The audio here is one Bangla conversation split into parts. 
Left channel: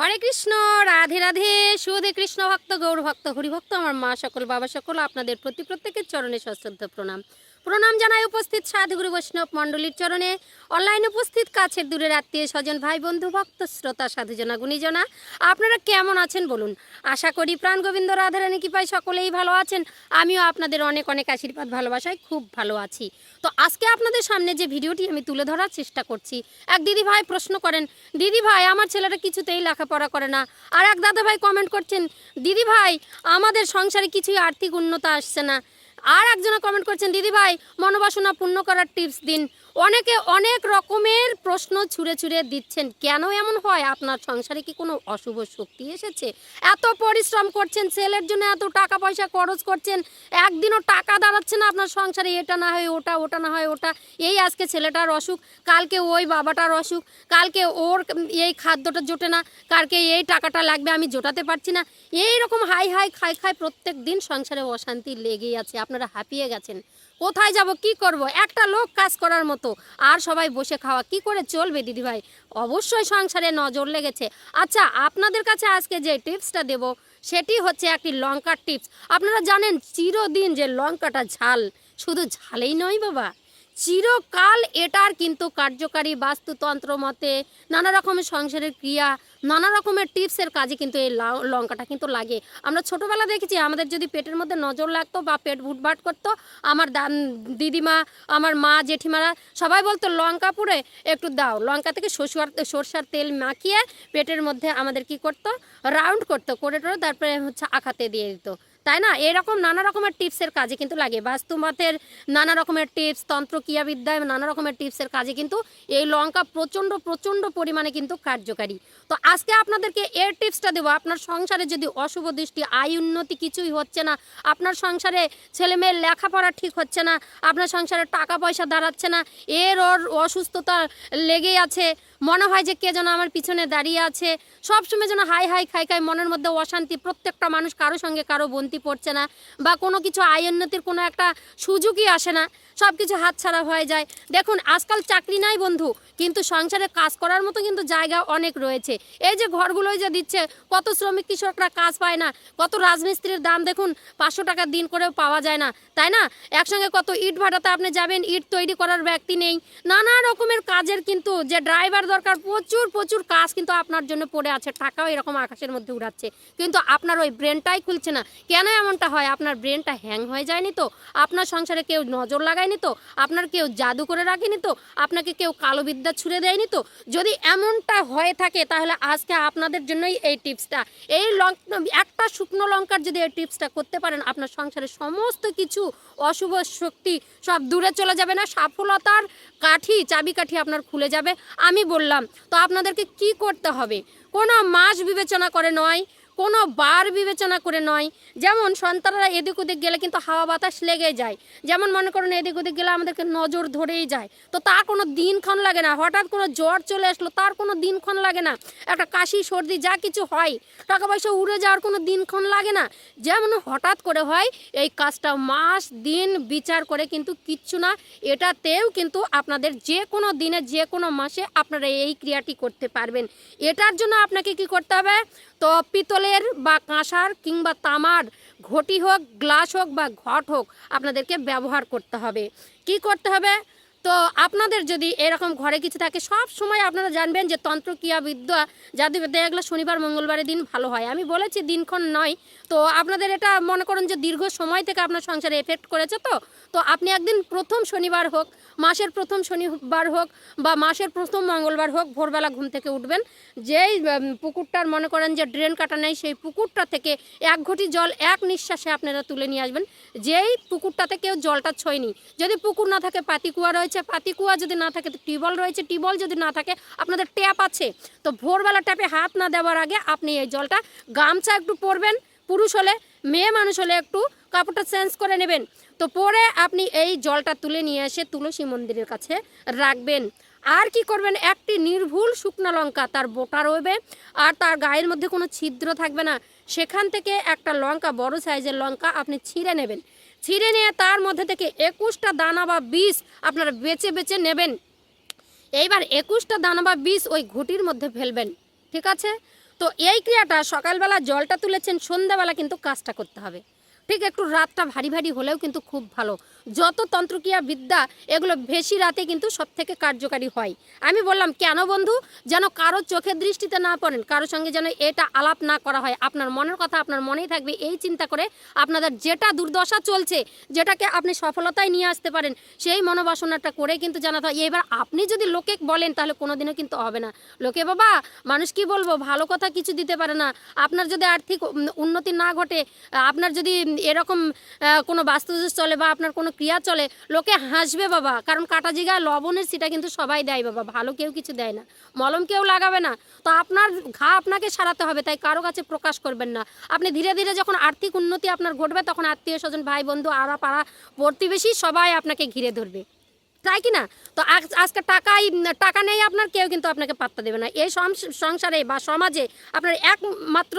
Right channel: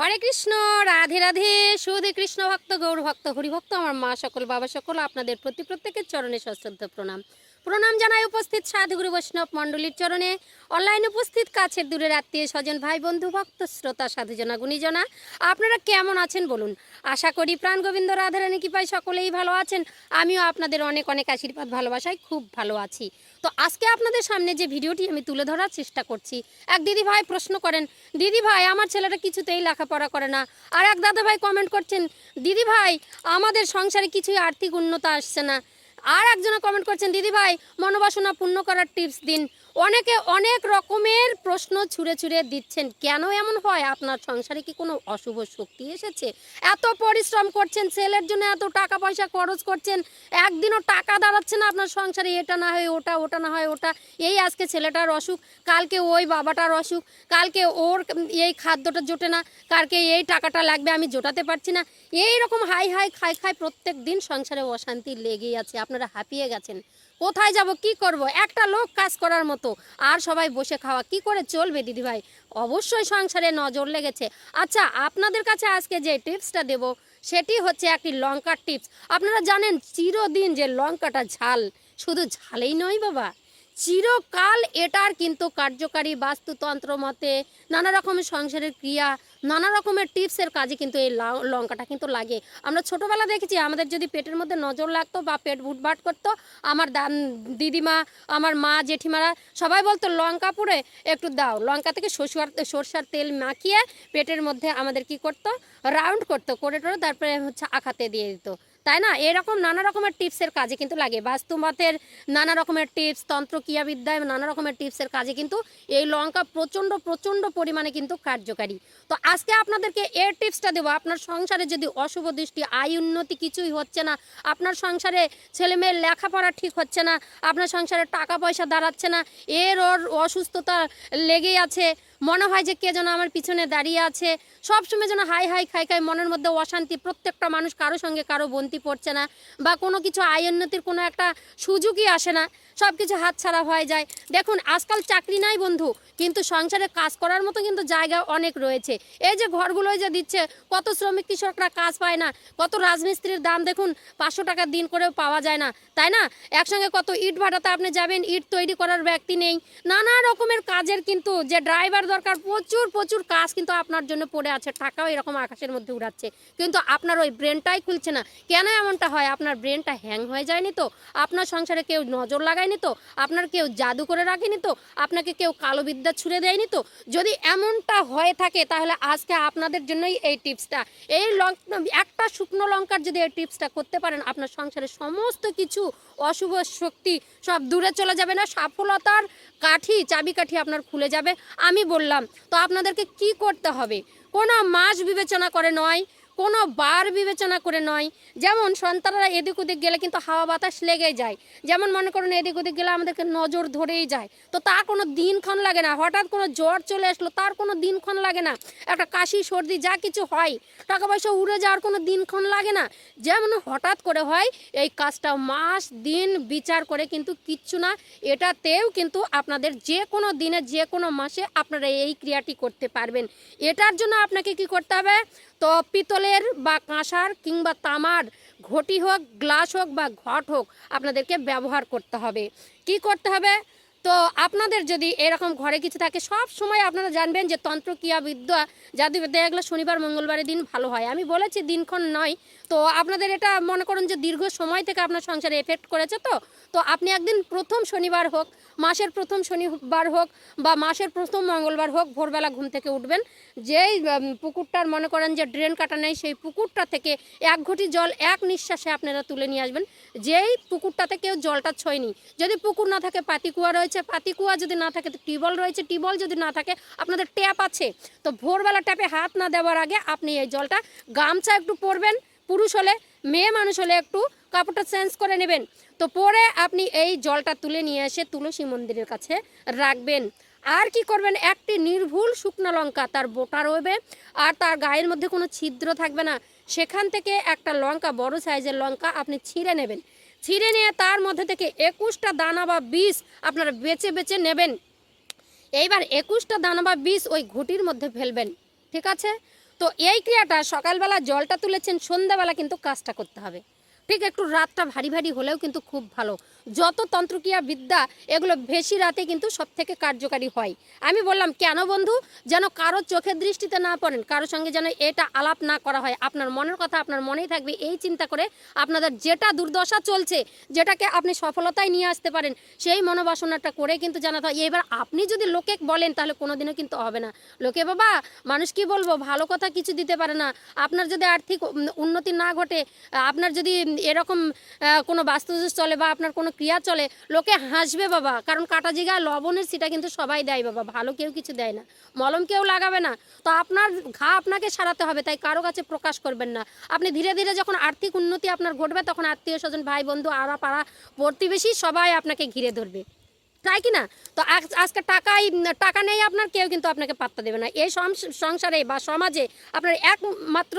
হরে কৃষ্ণ, রাধে রাধে। সুধী কৃষ্ণ ভক্ত, গৌর ভক্ত, হরিভক্ত, আমার মা সকল, বাবা সকল, আপনাদের প্রত্যেকের চরণে সশ্রদ্ধ প্রণাম। প্রণাম জানাই উপস্থিত সাধুগুরু বৈষ্ণব মণ্ডলীর চরণে, অনলাইনে উপস্থিত কাছের দূরের আত্মীয় স্বজন, ভাই বন্ধু, ভক্ত শ্রোতা, সাধুজনা গুণীজনা, আপনারা কেমন আছেন বলুন। আশা করি প্রাণ গোবিন্দ রাধারানী কৃপায় সকলেই ভালো আছেন। আমিও আপনাদের অনেক অনেক আশীর্বাদ ভালোবাসায় খুব ভালো আছি। তো আজকে আপনাদের সামনে যে ভিডিওটি আমি তুলে ধরার চেষ্টা করছি, এক দিদি ভাই প্রশ্ন করেন, দিদি ভাই আমার ছেলেটা কিছুতেই লেখাপড়া করে না। আর এক দাদা ভাই কমেন্ট করছেন, দিদি ভাই আমাদের সংসারে কিছুই আর্থিক উন্নতি আসছে না। আর একজনে কমেন্ট করছেন, দিদি ভাই মনোবাসনা পূর্ণ করার টিপস দিন। অনেকে অনেক রকমের প্রশ্ন ছুঁড়ে ছুঁড়ে দিচ্ছেন। কেন এমন হয়? আপনার সংসারে কি কোনো অশুভ শক্তি এসেছে? এত পরিশ্রম করছেন ছেলের জন্য, এত টাকা পয়সা খরচ করছেন, একদিনও টাকা দাঁড়াচ্ছে না আপনার সংসারে। এটা না হয় ওটা, ওটা না হয় ওটা। এই আজকে ছেলেটার অসুখ, কালকে ওই বাবাটার অসুখ, কালকে ওর এই খাদ্যটা জোটে না, কালকে এই টাকাটা লাগবে আমি জোটাতে পারছি না। এই রকম হাই হাই খাই খাই প্রত্যেক দিন সংসারে অশান্তি লেগেই আছে। আপনারা হাঁপিয়ে গেছেন, কোথায় যাব, কি করব? একটা লোক কাজ করার মতো, আর সবাই বসে খাওয়া, কি করে চলবে দিদিভাই? অবশ্যই সংসারে নজর লেগেছে। আচ্ছা, আপনাদের কাছে আজকে যে টিপসটা দেব সেটি হচ্ছে একটি লঙ্কার টিপস। আপনারা জানেন চিরদিন যে লঙ্কাটা ঝাল, শুধু ঝালেই নয় বাবা, চিরকাল এটার কিন্তু কার্যকারী বাস্তুতন্ত্র মতে নানা রকমের সংসারের ক্রিয়া, নানা রকমের টিপসের কাজে কিন্তু এই লঙ্কাটা কিন্তু লাগে। আমরা ছোটোবেলা দেখেছি, আমাদের যদি পেটের মধ্যে নজর লাগতো বা পেট ভুটভাট করতো, আমার দিদিমা, আমার মা, জেঠিমারা সবাই বলতো লঙ্কা পুড়ে একটু দাও। লঙ্কা থেকে সরষার তেল মাখিয়ে পেটের মধ্যে আমাদের কি করতো, রাউন্ড করতো, করে তারপরে হচ্ছে আখাতে দিয়ে দিত, তাই না? এরকম নানা রকমের টিপসের কাজে কিন্তু লাগে। বাস্তুমতের নানা রকমের টিপস, তন্ত্রক্রিয়াবিদ্যায় নানা রকমের টিপসের কাজে কিন্তু এই লঙ্কা প্রচণ্ড প্রচণ্ড পরিমাণে কিন্তু কার্যকারী। তো আজকে আপনাদেরকে এর টিপসটা দেবো। আপনার সংসারে যদি অশুভ দৃষ্টি, আয় উন্নতি কিছুই হচ্ছে না, আপনার সংসারে ছেলেমেয়ের লেখাপড়া ঠিক হচ্ছে না, আপনার সংসারে টাকা পয়সা দাঁড়াচ্ছে না, এর ওর অসুস্থতা লেগেই আছে, মনে হয় যে কে যেন আমার পিছনে দাঁড়িয়ে আছে, সবসময় যেন হাই হাই খাই খাই, মনের মধ্যে অশান্তি, প্রত্যেকটা মানুষ কারো সঙ্গে কারো বন্তি পড়ছে না, বা কোনো কিছু আয় উন্নতির কোনো একটা সুযোগই আসে না, সব কিছু হাতছাড়া হয়ে যায়। দেখুন, আজকাল চাকরি নাই বন্ধু, কিন্তু সংসারে কাজ করার মতো কিন্তু জায়গা অনেক রয়েছে। এই যে ঘরগুলোই যে দিচ্ছে, কত শ্রমিক কৃষকরা কাজ পায় না, কত রাজমিস্ত্রির দাম দেখুন 500 টাকা দিন করেও পাওয়া যায় না, তাই না? একসঙ্গে কত ইট ভাটাতে আপনি যাবেন, ইট তৈরি করার ব্যক্তি নেই, নানা রকমের কাজের কিন্তু যে ড্রাইভার দরকার, প্রচুর প্রচুর কাজ কিন্তু আপনার জন্য পড়ে আছে। টাকাও এরকম আকাশের মধ্যে উড়াচ্ছে, কিন্তু আপনার ওই ব্রেনটাই খুলছে না। কেন এমনটা হয়? আপনার ব্রেনটা হ্যাং হয়ে যায়নি তো? আপনার সংসারে কেউ নজর লাগায়নি তো? আপনার কেউ জাদু করে রাখেনি তো? আপনাকে কেউ কালো বিদ্যা ছুঁড়ে দেয়নি তো? যদি এমনটা হয়ে থাকে, তাহলে আজকে আপনাদের জন্যই এই টিপসটা। এই একটা শুকনো লঙ্কার যদি এই টিপসটা করতে পারেন, আপনার সংসারে সমস্ত কিছু অশুভ শক্তি সব দূরে চলে যাবে, না সফলতার চাবিকাঠি আপনার খুলে যাবে। আমি বললাম তো আপনাদেরকে কি করতে হবে। কোনো মাস বিবেচনা করে নয়, কোনো বার বিবেচনা করে নয়। যেমন সন্তানরা এদিক ওদিক গেলে কিন্তু হাওয়া বাতাস লেগে যায়, যেমন মনে করেন এদিক ওদিক গেলে আমাদেরকে নজর ধরেই যায়, তো তার কোনো দিনক্ষণ লাগে না। হঠাৎ কোনো জ্বর চলে আসলো, তার কোনো দিনক্ষণ লাগে না। একটা কাশি সর্দি যা কিছু হয়, টাকা পয়সা উড়ে যাওয়ার কোনো দিনক্ষণ লাগে না। যেমন হঠাৎ করে হয়, এই কাজটা মাস দিন বিচার করে কিন্তু কিচ্ছু না। এটাতেও কিন্তু আপনাদের যে কোনো দিনে, যে কোনো মাসে আপনারা এই ক্রিয়াটি করতে পারবেন। এটার জন্য আপনাকে কি করতে হবে? তো পিতলের বা কাঁসার কিংবা তামার ঘটি হোক, গ্লাস হোক বা ঘট হোক, আপনাদেরকে ব্যবহার করতে হবে। কি করতে হবে? তো আপনাদের যদি এরকম ঘরে কিছু থাকে, সব সময় আপনারা জানবেন যে তন্ত্রক্রিয়া বিদ্যা, জাদুবিদ্যা এগুলো শনিবার মঙ্গলবারের দিন ভালো হয়। আমি বলেছি দিনক্ষণ নয়। তো আপনাদের এটা মনে করেন যে দীর্ঘ সময় থেকে আপনার সংসারে এফেক্ট করেছে, তো আপনি একদিন প্রথম শনিবার হোক, মাসের প্রথম শনিবার হোক বা মাসের প্রথম মঙ্গলবার হোক, ভোরবেলা ঘুম থেকে উঠবেন, যেই পুকুরটার মনে করেন যে ড্রেন কাটা নেই, সেই পুকুরটা থেকে 1 ঘটি জল এক নিঃশ্বাসে আপনারা তুলে নিয়ে আসবেন। যেই পুকুরটাতে কেউ জলটা ছোঁয়নি, যদি পুকুর না থাকে পাতিকুয়া রয়েছে, পাতিকুয়া যদি না থাকে তো টিউবওয়েল রয়েছে, টিউবওয়েল যদি না থাকে আপনাদের ট্যাপ আছে, তো ভোরবেলা ট্যাপে হাত না দেওয়ার আগে আপনি এই জলটা গামছা একটু পরবেন, পুরুষ হলে, মেয়ে মানুষ হলে একটু কাপড়টা চেঞ্জ করে নেবেন, তো পরে আপনি এই জলটা তুলে নিয়ে এসে তুলসী মন্দিরের কাছে রাখবেন। আর কি করবেন? একটি নির্ভুল শুকনো লঙ্কা, তার বোটা রইবে আর তার গায়ের মধ্যে কোনো ছিদ্র থাকবে না, সেখান থেকে একটা লঙ্কা, বড় সাইজের লঙ্কা আপনি ছিঁড়ে নেবেন। ছিঁড়ে নিয়ে তার মধ্যে থেকে 21টা দানা বা বীজ আপনারা বেছে বেছে নেবেন। এইবার 21টা দানা বা বীজ ওই ঘটির মধ্যে ফেলবেন, ঠিক আছে? তো এই ক্রিয়াটা সকালবেলা জলটা তুলেছেন, সন্ধ্যাবেলা কিন্তু কাজটা করতে হবে। ঠিক একটু রাতটা ভারী ভারী হলেও কিন্তু খুব ভালো। যত তন্ত্রক্রিয়া বিদ্যা এগুলো বেশি রাতে কিন্তু সব থেকে কার্যকারী হয়। আমি বললাম কেন বন্ধু, যেন কারো চোখের দৃষ্টিতে না পড়েন, কারো সঙ্গে যেন এটা আলাপ না করা হয়, আপনার মনের কথা আপনার মনেই থাকবে, এই চিন্তা করে আপনাদের যেটা দুর্দশা চলছে, যেটাকে আপনি সফলতায় নিয়ে আসতে পারেন, সেই মনোবাসনাটা করে কিন্তু জানাতে হয়। এবার আপনি যদি লোকে বলেন তাহলে কোনোদিনও কিন্তু হবে না। লোকে বাবা মানুষ কি বলবো, ভালো কথা কিছু দিতে পারে না। আপনার যদি আর্থিক উন্নতি না ঘটে, আপনার যদি এরকম কোনো বাস্তুদোষ চলে বা আপনার কোনো ক্রিয়া চলে, লোকে হাসবে বাবা। কারণ কাটা জিগায় লবণের সেটা কিন্তু সবাই দেয় বাবা, ভালো কেউ কিছু দেয় না, মলম কেউ লাগাবে না। তো আপনার ঘা আপনাকে সারাতে হবে, তাই কারো কাছে প্রকাশ করবেন না। আপনি ধীরে ধীরে যখন আর্থিক উন্নতি আপনার ঘটবে, তখন আত্মীয় স্বজন ভাই বন্ধু আড়া পাড়া প্রতিবেশী সবাই আপনাকে ঘিরে ধরবে, তাই কি না? তো আজকে টাকা নেই আপনার, কেউ কিন্তু আপনাকে পাত্তা দেবে না। এই সংসারে বা সমাজে আপনার একমাত্র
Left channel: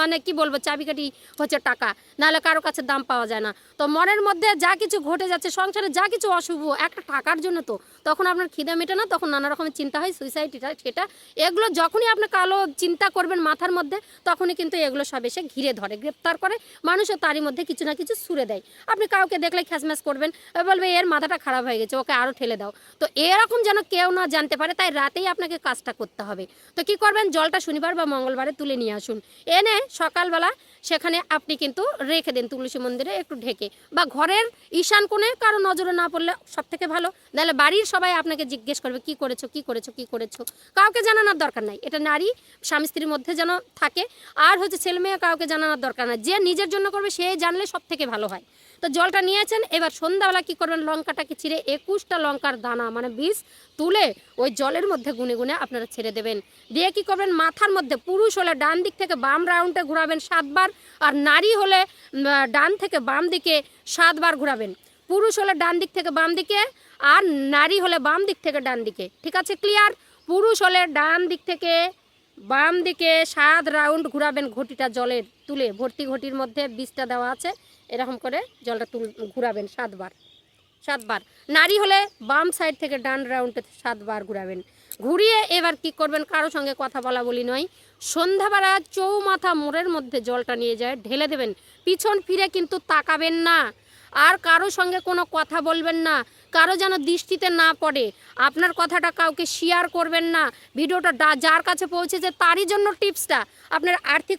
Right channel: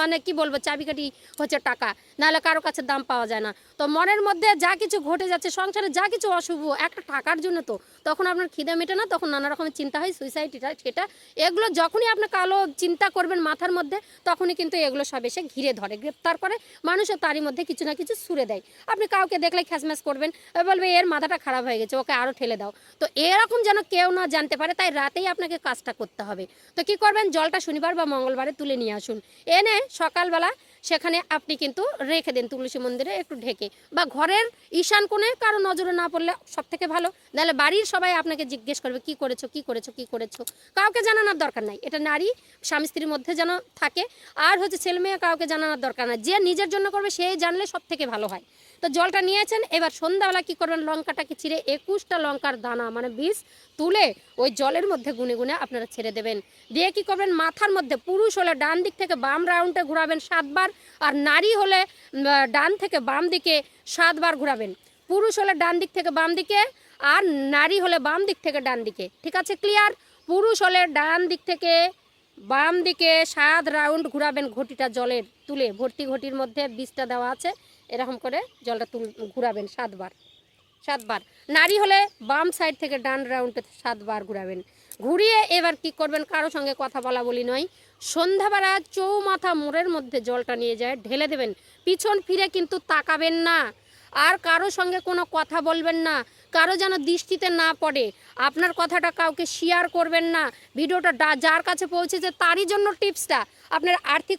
মানে কি বলবো চাবিকাঠি হচ্ছে টাকা, নাহলে কারো কাছে দাম পাওয়া যায় না। তো মনের মধ্যে যা কিছু ঘটে যাচ্ছে সংসারে, যা কিছু অশুভ একটা টাকার জন্য, তো তখন আপনার খিদে মেটে না, তখন নানা রকমের চিন্তা হয়, সুইসাইড সেটা এগুলো যখনই আপনি কালো চিন্তা করবেন মাথার মধ্যে, তখনই কিন্তু এগুলো সব এসে ঘিরে ধরে, গ্রেপ্তার করে, মানুষও তারই মধ্যে কিছু না কিছু ছুড়ে দেয়। আপনি কাউকে দেখলে খ্যাসম্যাস করবেন, বলবে এর মাথাটা খারাপ হয়ে গেছে, ওকে আরও ঠেলে দাও। তো এরকম যেন কেউ না জানতে পারে, তাই রাতেই আপনাকে কাজটা করতে হবে। তো কি করবেন, জলটা শনিবার বা মঙ্গলবারে তুলে নিয়ে আসুন, এনে সকালবেলা সেখানে আপনি কিন্তু রেখে দেন তুলসী মন্দিরে একটু ঢেকে, বা ঘরের ঈশান কোণে, কারো নজরে না পড়লে সব থেকে ভালো। নাহলে বাড়ির সবাই আপনাকে জিজ্ঞেস করবে কি করেছো কি করেছো কি করেছো, কাউকে জানানোর দরকার নাই। এটা নারী স্বামী স্ত্রীর মধ্যে যেন থাকে, আর হচ্ছে ছেলে মেয়ে কাউকে জানানোর দরকার নাই। যে নিজের জন্য করবে সে জানলে সব থেকে ভালো হয়। তো জলটা নিয়েছেন, এবার সন্ধ্যাবেলা কি করবেন, লঙ্কাটাকে ছিঁড়ে 21টা লঙ্কার দানা মানে বীজ তুলে ওই জলের মধ্যে গুনে গুনে আপনারা ছেড়ে দেবেন। দিয়ে কি করবেন, মাথার মধ্যে পুরুষ হলে ডান দিক থেকে বাম রাউন্ডে ঘোরাবেন 7 বার, আর নারী হলে ডান থেকে বাম দিকে 7 বার ঘোরাবেন। পুরুষ হলে ডান দিক থেকে বাম দিকে, আর নারী হলে বাম দিক থেকে ডান দিকে। ঠিক আছে, ক্লিয়ার? পুরুষ হলে ডান দিক থেকে বাম দিকে 7 রাউন্ড ঘোরাবেন, ঘটিটা জলের তুলে, ভর্তি ঘটির মধ্যে বীজটা দেওয়া আছে, এরকম করে জলটা ঘুরাবেন 7 বার। 7 বার। নারী হলে বাম সাইড থেকে ডান রাউন্ডে 7 বার ঘুরাবেন। ঘুরিয়ে এবার কি করবেন, কারো সঙ্গে কথা বলা বলি নয়, সন্ধ্যাবেলা চৌমাথা মোড়ের মধ্যে জলটা নিয়ে যায় ঢেলে দেবেন। পিছন ফিরে কিন্তু তাকাবেন না, আর কারো সঙ্গে কোনো কথা বলবেন না, কারো যেন দৃষ্টিতে না পড়ে। আপনার কথাটা কাউকে শেয়ার করবেন না। ভিডিওটা যার কাছে পৌঁছেছে তারই জন্য টিপসটা, আপনার আর্থিক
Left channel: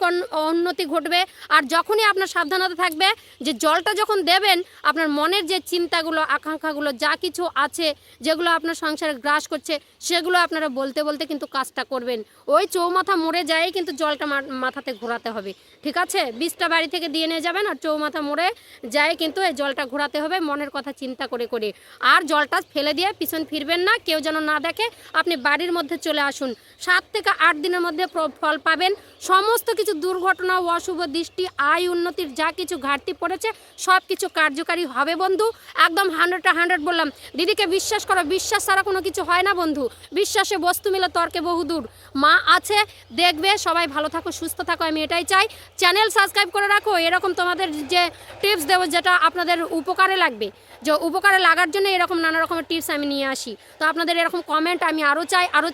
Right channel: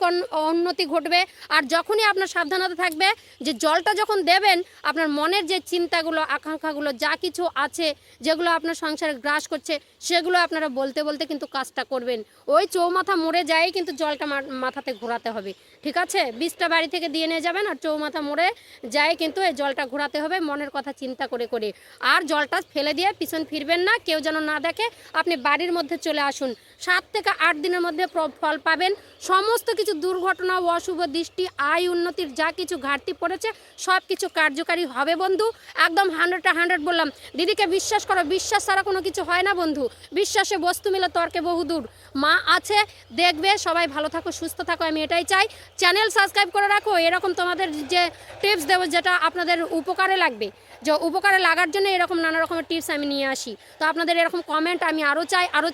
উন্নতি ঘটবে। আর যখনই আপনার সাবধানতা থাকবে যে জলটা যখন দেবেন, আপনার মনের যে চিন্তাগুলো আকাঙ্ক্ষাগুলো যা কিছু আছে, যেগুলো আপনার সংসারে গ্রাস করছে, সেগুলো আপনারা বলতে বলতে কিন্তু কাজটা করবেন। ওই চৌমাথা মোড়ে যাই কিন্তু জলটা মাথাতে ঘোরাতে হবে, ঠিক আছে? বীজটা বাড়ি থেকে দিয়ে নিয়ে যাবেন, আর চৌমাথা মোড়ে যাই কিন্তু এই জলটা ঘোরাতে হবে মনের কথা চিন্তা করে করে। আর জলটা ফেলে দিয়ে পিছন ফিরবেন না, কেউ যেন না দেখে। আপনি বাড়ির মধ্যে চলে আসুন, 7 থেকে 8 দিনের মধ্যে ফল পাবেন। সমস্ত কিছু দুর্ঘটনা, অশুভ দৃষ্টি, আয় উন্নতির যা কিছু ঘাটতি পড়েছে সব কিছু কার্যকারী হবে বন্ধু। একদম 100 বললাম। দিদিকে বিশ্বাস করো, বিশ্বাস ছাড়া কোনো কিছু হয় না বন্ধু। বিশ্বাসে বস্তু মিলে তর্কে বহুদূর। মা আছে, দেখবে। সবাই ভালো থাকো, সুস্থ থাকো, আমি এটাই চাই। চ্যানেল সাবস্ক্রাইব করে রাখো, এরকম তোমাদের যে টিপস দেবো যেটা আপনাদের উপকারে লাগবে, যে উপকারে লাগার জন্য এরকম নানা রকমের টিপস আমি নিয়ে আসি। তো আপনাদের এরকম কমেন্ট আমি আরও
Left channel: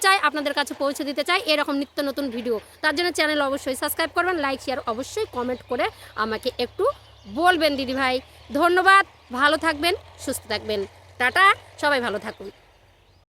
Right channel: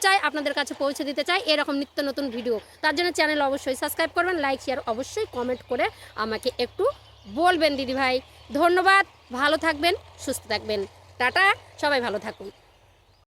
চাই আপনাদের কাছে পৌঁছে দিতে চাই, এরকম নিত্য নতুন ভিডিও। তার জন্য চ্যানেল অবশ্যই সাবস্ক্রাইব করবেন, লাইক শেয়ার অবশ্যই কমেন্ট করে আমাকে একটু বলবেন দিদি ভাই। ধন্যবাদ, ভালো থাকবেন, সুস্থ থাকবেন, টাটা, সবাই ভালো থাকুন।